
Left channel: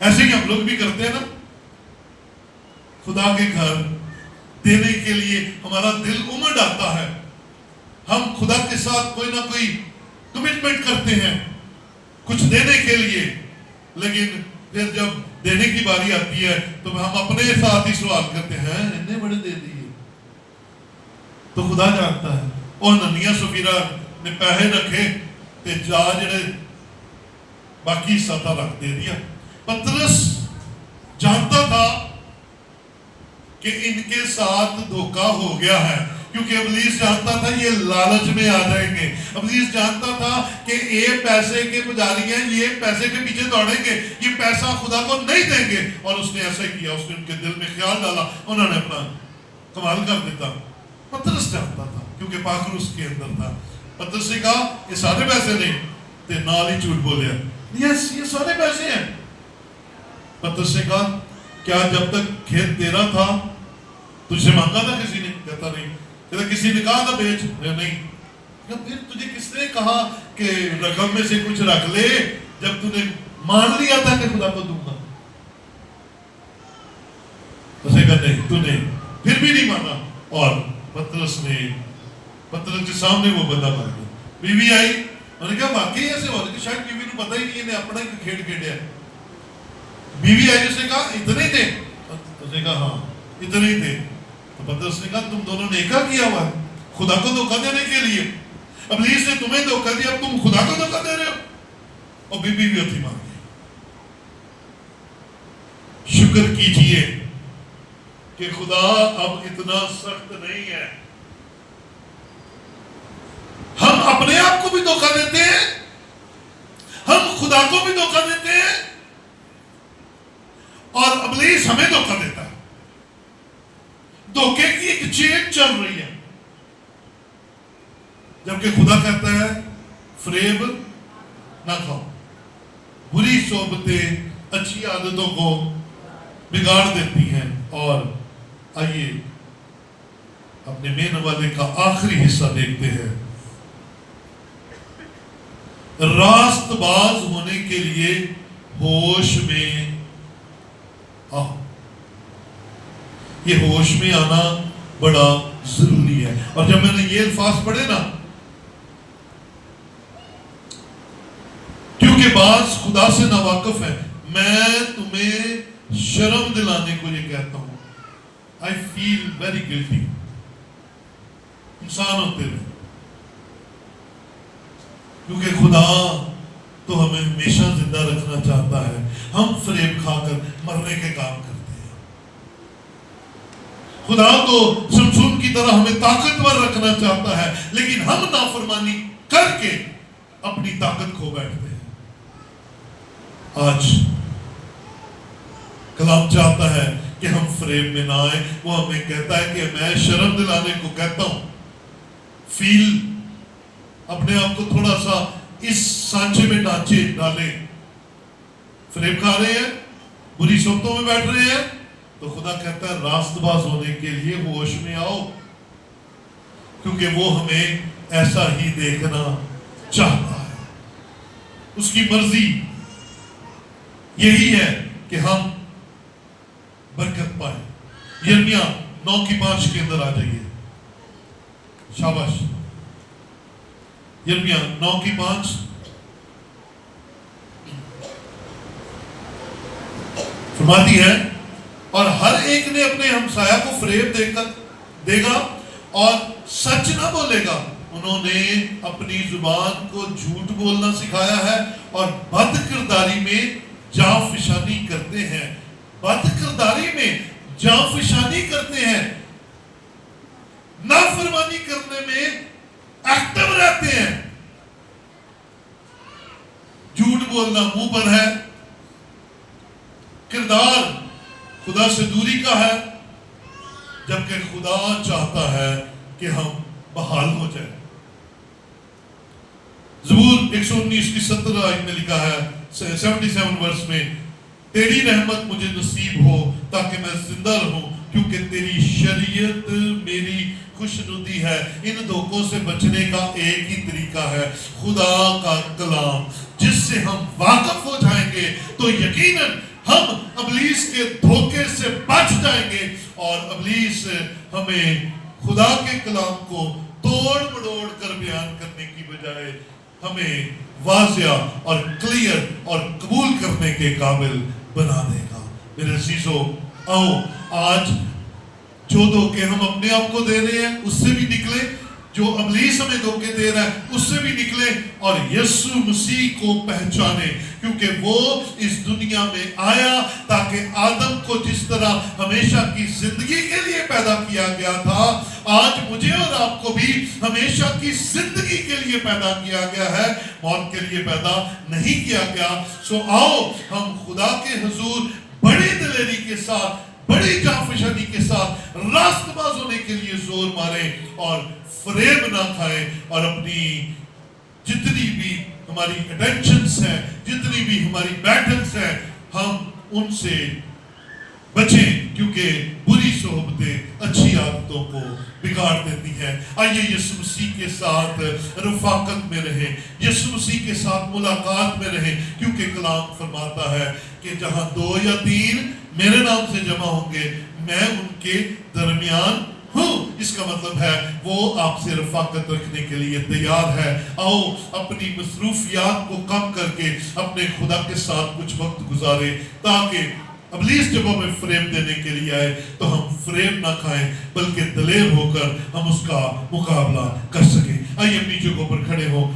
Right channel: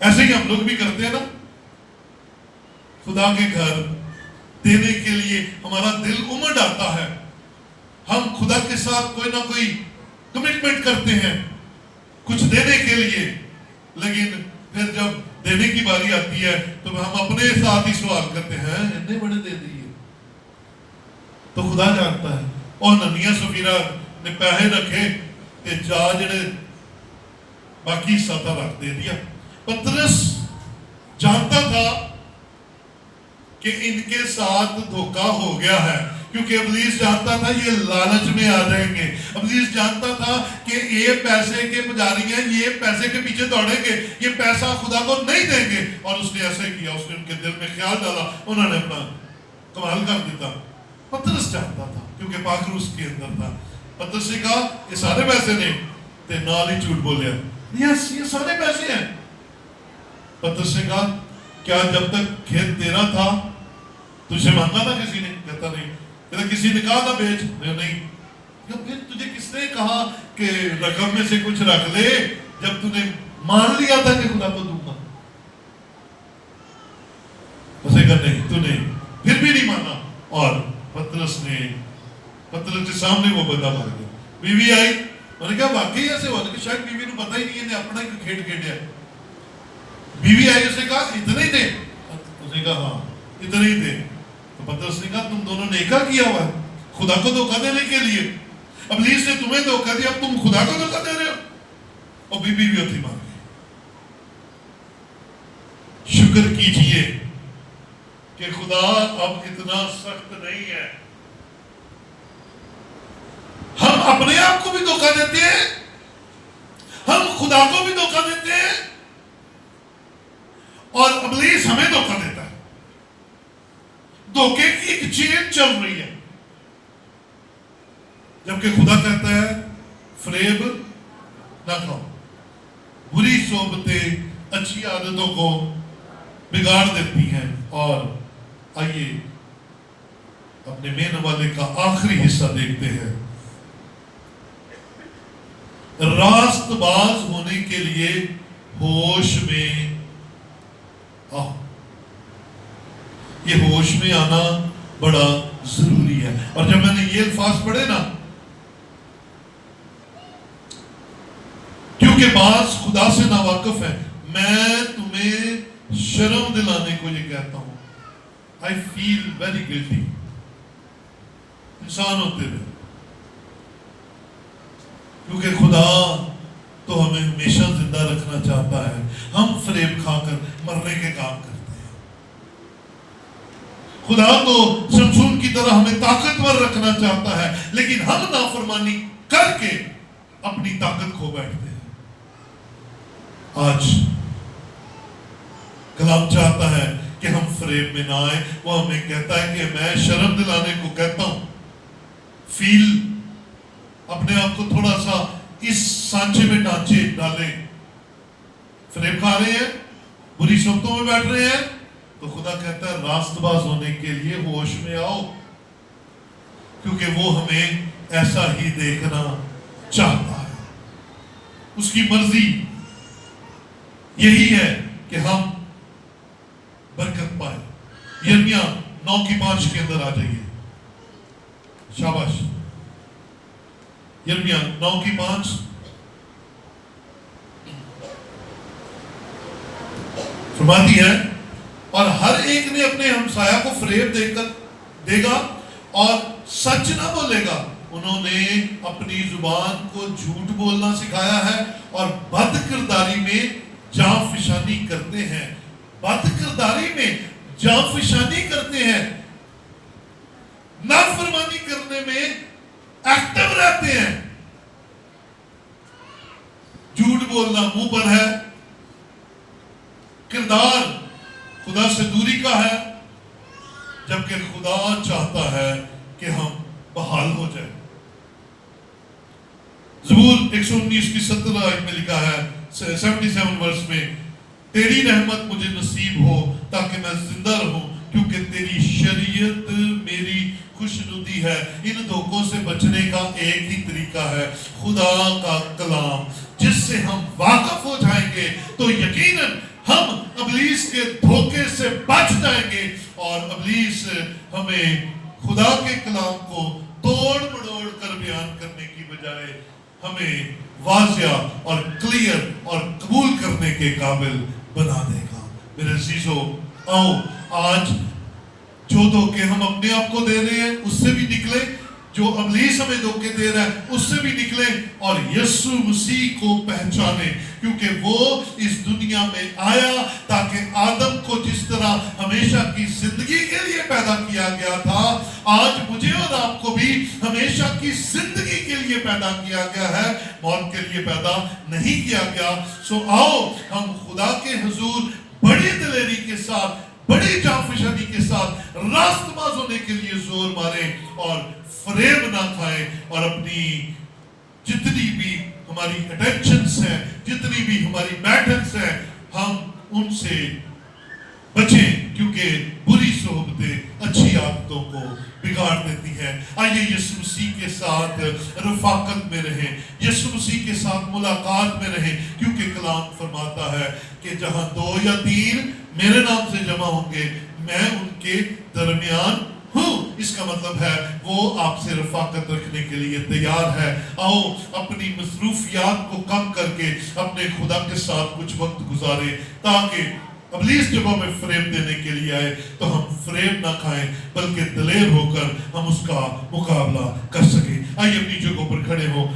ایسے ہی ہم لوگ بھی کرتے ہیں نا. خدا کے گھر دینے کے لیے ہمارا دل امڑ آتا ہے، ہم خدا کے ساتھ کوئی نہ کوئی کمٹمنٹ کرتے ہیں کچھ دینے کے لیے، لیکن پھر جب دینے کی باری آتی ہے تو ہم اپنے ساتھ ہی سوال کرتے ہیں اتنے بڑے دے دیے. تو خدا جانتا ہے. اور حنانیہ سفیرہ نے پیسے رکھے کہ جا جڑے باقی حصہ تھا رکھ دے دیا. پترس جانتا تھا کہ ان کے ساتھ دھوکہ ہو گیا ہے، کیونکہ ابلیس جانتا تھا یہ لالچ میں آ جائیں گے. ابلیس جانتا تھا کہ یہ پیسے کے پجاری ہیں، یہ پیسے کے پیچھے دوڑیں گے، یہ پیسہ خدا کو نہیں دیں گے. اور اس نے ایسے کیا، اس نے ان کے دل میں خیال ڈالا، انہوں نے اپنا کمال کر دیتا. پترس جانتا تھا کیونکہ پاخر اس کے اندر تھا. پترس نے کہا یہ سارے پیسے نہیں، تے نال ہی جھوٹ بولیا، یس یہ سارے پیسے ہیں. پترس نے کہا کیا جب تک کھیت تیرا تھا تجھے مانگا تھا کسی نے؟ کہتا نہیں. کہتا کسی نے کہا تھا بیچ؟ نہیں. پھر تجھے کس نے کہا کہ رقم میں سے کچھ رکھ لے جب تُو نے مان لیا تھا کہ خدا کو دوں گا؟ اسے کہا نہیں تو نے پھر بھی نہیں مانا. اور پترس کے سامنے وہ بندہ مر گیا. بیوی آئی، انہوں نے کہا واقعی ایسے ہوا کہ شاید بیوی کو پتہ ہی نہیں ہے اپنا ہی کھیڑ کھیڑیا. بیوی آئی، اس نے کہا اتنے تھے؟ اس نے کہا ہاں اتنے ہی تھے. تو پترس نے کہا تم دونوں نے کیا کیا ہوا ہے خدا کو دھوکہ دینے کے لیے. ابلیس نے تمہیں دھوکہ دیا، اب تم خدا کو دھوکہ دے رہے ہو. اور بیوی بھی اپنی مان گئی. شکر کیجئے کہ خدا اب اتنا سخت نہیں ہے. ہم اپنے آپ کو بھی دھوکہ دیتے ہیں، ہم خدا کو بھی دھوکہ دیتے ہیں، اور ابلیس ہمیں دھوکہ دیتا ہے. دھوکے کی ایک چین چل رہی ہے، جبکہ خدا کہتا ہے فریب نہ کھاؤ. بری صحبتیں اچھی عادتوں کو بگاڑ دیتی ہیں. اور آئیے اپنے مین والے کا آخری حصہ دیکھتے ہیں. راست باز ہونے کے لیے ہوش میں آؤ. یہ ہوش میں آنا بڑا ضروری ہے. اور جب میں نے یہ الفاظ پڑھے نا، کیونکہ بعض خدا سے ناواقف ہے، میں تمہیں شرم دلانے کو یہ کہتا ہوں. I feel very guilty. انسان ہوتے ہیں، کیونکہ خدا تو ہمیں ہمیشہ زندہ رکھنا چاہتا ہے، ہم فریب کھا کر مرنے کے کام کرتے ہیں۔ خدا تو شمشون کی طرح ہمیں طاقتور رکھنا چاہتا ہے، لیکن ہم نافرمانی کر کے اپنی طاقت کھو بیٹھتے ہیں۔ آج کلام چاہتا ہے کہ ہم فریب میں نہ آئیں۔ وہ ہمیں کہتا ہے کہ میں شرم دلانے کو کہتا ہوں، فیل اپنے آپ کو تھوڑا سا اس سانچے میں ڈالیں۔ فریب کھا رہے ہیں، بری صحبتوں میں بیٹھ رہے ہیں، تو خدا کہتا ہے راست باز ہونے کے لیے ہوش میں آؤ، کیونکہ وہ ہمیں ایسا ہی دیکھنا چاہتا ہے۔ اس کی مرضی یہی ہے کہ ہم برکت پائے۔ یرمیہ 9:5 کے اندر آ جائیے، شاباش۔ یرمیہ 9:5 فرماتی ہے، اور ہر ایک نے اپنے ہمسایہ کو فریب دے گا اور سچ نہ بولے گا۔ انہوں نے اپنی زبان کو جھوٹ بولنا سکھایا ہے اور بد کرداری میں جاں فشانی کرتے ہیں۔ بد کرداری میں جاں فشانی کرتے ہیں، نافرمانی کرنے میں ایکٹیو رہتے ہیں۔ جھوٹ بولنا منہ پر ہے، کردار خدا سے دوری کا ہے، جبکہ خدا چاہتا ہے کہ ہم بحال ہو جائیں۔ زبور 119 کی 17 آیت میں لکھا ہے، 77 ورس میں، تیری رحمت مجھے نصیب ہو تاکہ میں زندہ رہوں، کیونکہ تیری شریعت میری خوشنودی ہے۔ ان دھوکوں سے بچنے کا ایک ہی طریقہ ہے، خدا کا کلام، جس سے ہم واقف ہو جائیں گے تو یقیناً ہم ابلیس کے دھوکے سے بچ جائیں گے، اور ابلیس ہمیں خدا کے کلام کو توڑ مڑوڑ کر بیان کرنے کی بجائے ہمیں واضح اور کلیئر اور قبول کرنے کے قابل بنا دے گا۔ میرے عزیزو، آؤ آج جو دھوکے ہم اپنے آپ کو دے رہے ہیں اس سے بھی نکلیں، جو ابلیس ہمیں دھوکے دے رہا ہے اس سے بھی نکلیں، اور یسوع مسیح کو پہچانیں، کیونکہ وہ اس دنیا میں آیا تاکہ آدم کو جس طرح ہمیشہ کی زندگی کے لیے پیدا کیا گیا تھا، آج مجھے اور آپ کو بھی ہمیشہ کی زندگی کے لیے پیدا کیا گیا ہے، موت کے لیے پیدا نہیں کیا گیا۔ سو آؤ ہم خدا کے حضور بڑی دلیری کے ساتھ، بڑی جانفشانی کے ساتھ راست باز ہونے کے لیے زور ماریں، اور فریب نہ کھائیں، اور اپنی جتنی بھی ہماری اٹینشنز ہیں، جتنی بھی ہماری بیٹلز ہیں، ہم ان سے بچیں، کیونکہ بری صحبتیں اچھی عادتوں کو بگاڑ دیتی ہیں۔ آئیے یسوع مسیح کے ساتھ رفاقت میں رہیں، یسوع مسیح کے ساتھ ملاقات میں رہیں، کیونکہ کلام فرماتا ہے کہ جہاں 2 یا 3 میرے نام سے جمع ہوں گے، میں ان کے درمیان ہوں۔ اس کا مطلب ہے وہ آپ سے رفاقت رکھنے کے لیے تیار ہے۔ آؤ اپنی مصروفیات کو کم کر کے اپنے خدا کے ساتھ کچھ وقت گزاریں، تاکہ ابلیس جب ہمیں فریب دینے کے لیے آئے تو ہم فریب نہ کھائیں، بلکہ دلیر ہو کر ہم اس کا مقابلہ کر سکیں۔ آئیے اپنی جگہوں پر کھڑے ہو۔